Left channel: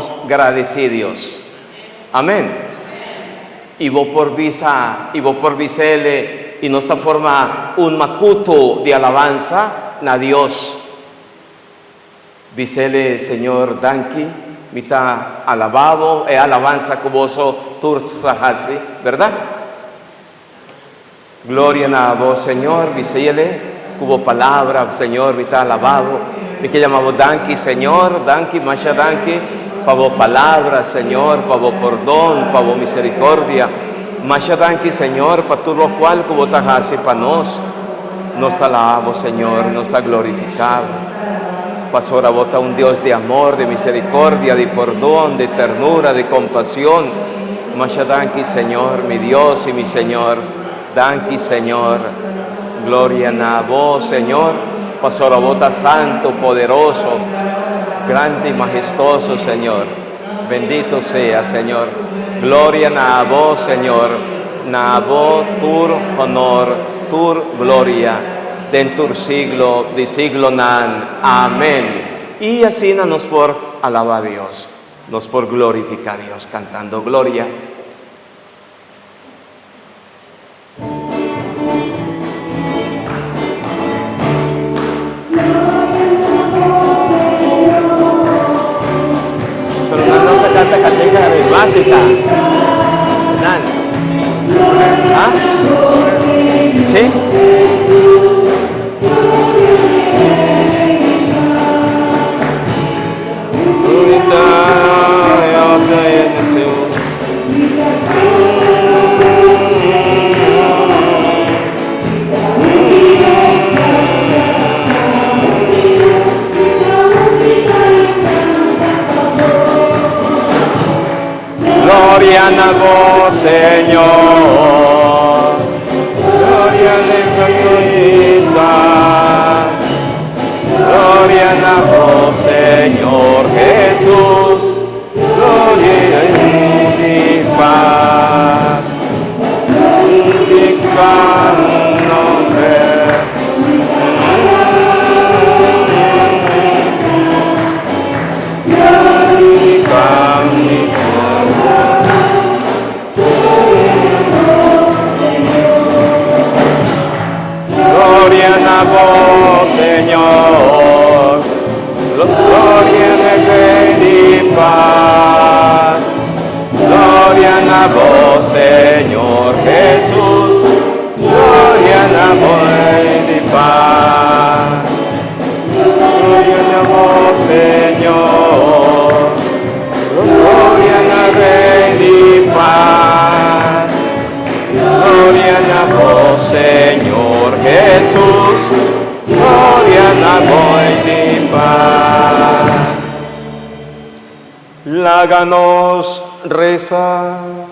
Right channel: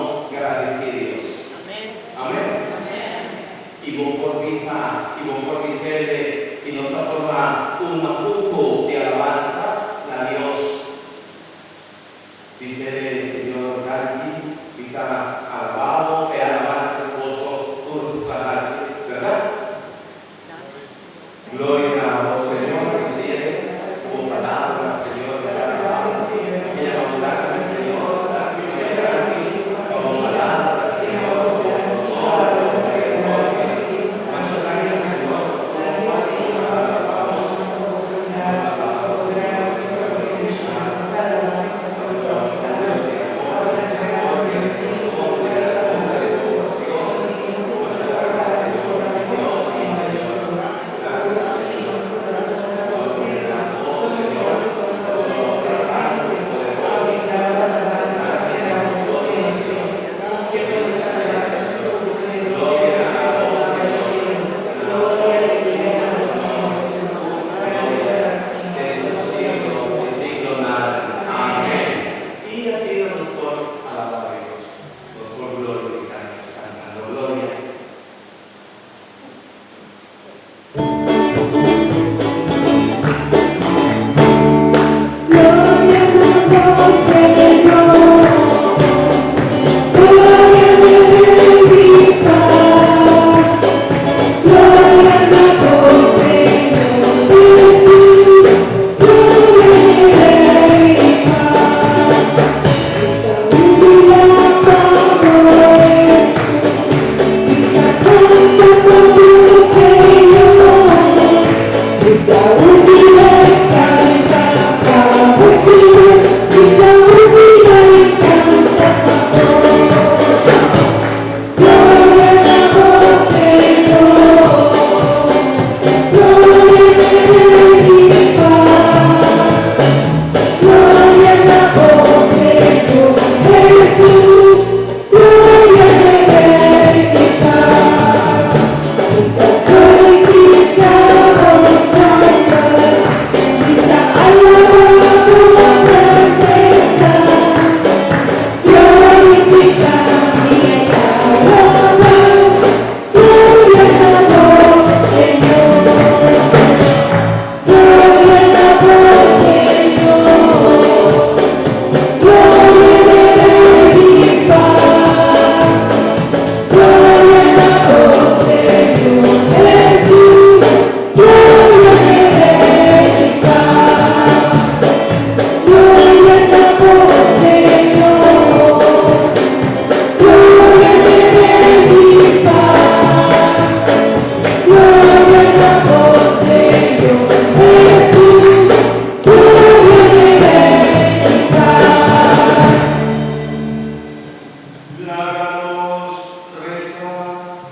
somos agradecidos. Amén. Y vos por visele y nuestra forma un macuto de alabanza a Dios. Visele Señor Danki, mita alabado e alabanza cuboso tursahasi, ¿verdad? Gloria a vos, Señor, visele, cubo palabra, Señor, mita alabado. Y que llamamos Danki, Señor, Danki, Masha Danki, para vos palabra, Señor, para vos perdón, para vos misericordia. Masha Danki, Señor, para todo lo cual cubo tajasi para nos alabamos, Señor, nos ha glorificado. Pastor, a vos un Dios de amor, de misericordia, de perdón, de ternura, de compasión. Masha Danki, Señor, mi Dios y mi Señor. Danki, Señor. Gloria a vos, Señor. Pastor, a vos santo, poderoso, grande y majestuoso, Señor. Bendito sea, Señor. Gloria a vos, Señor. Na vos, tur honor, tur gloria. Dentur siglo, de siglo nan. Amén. Y así nos por alabar a Dios, nos por glorificar a Dios, cantando gloria. Háganos rezar.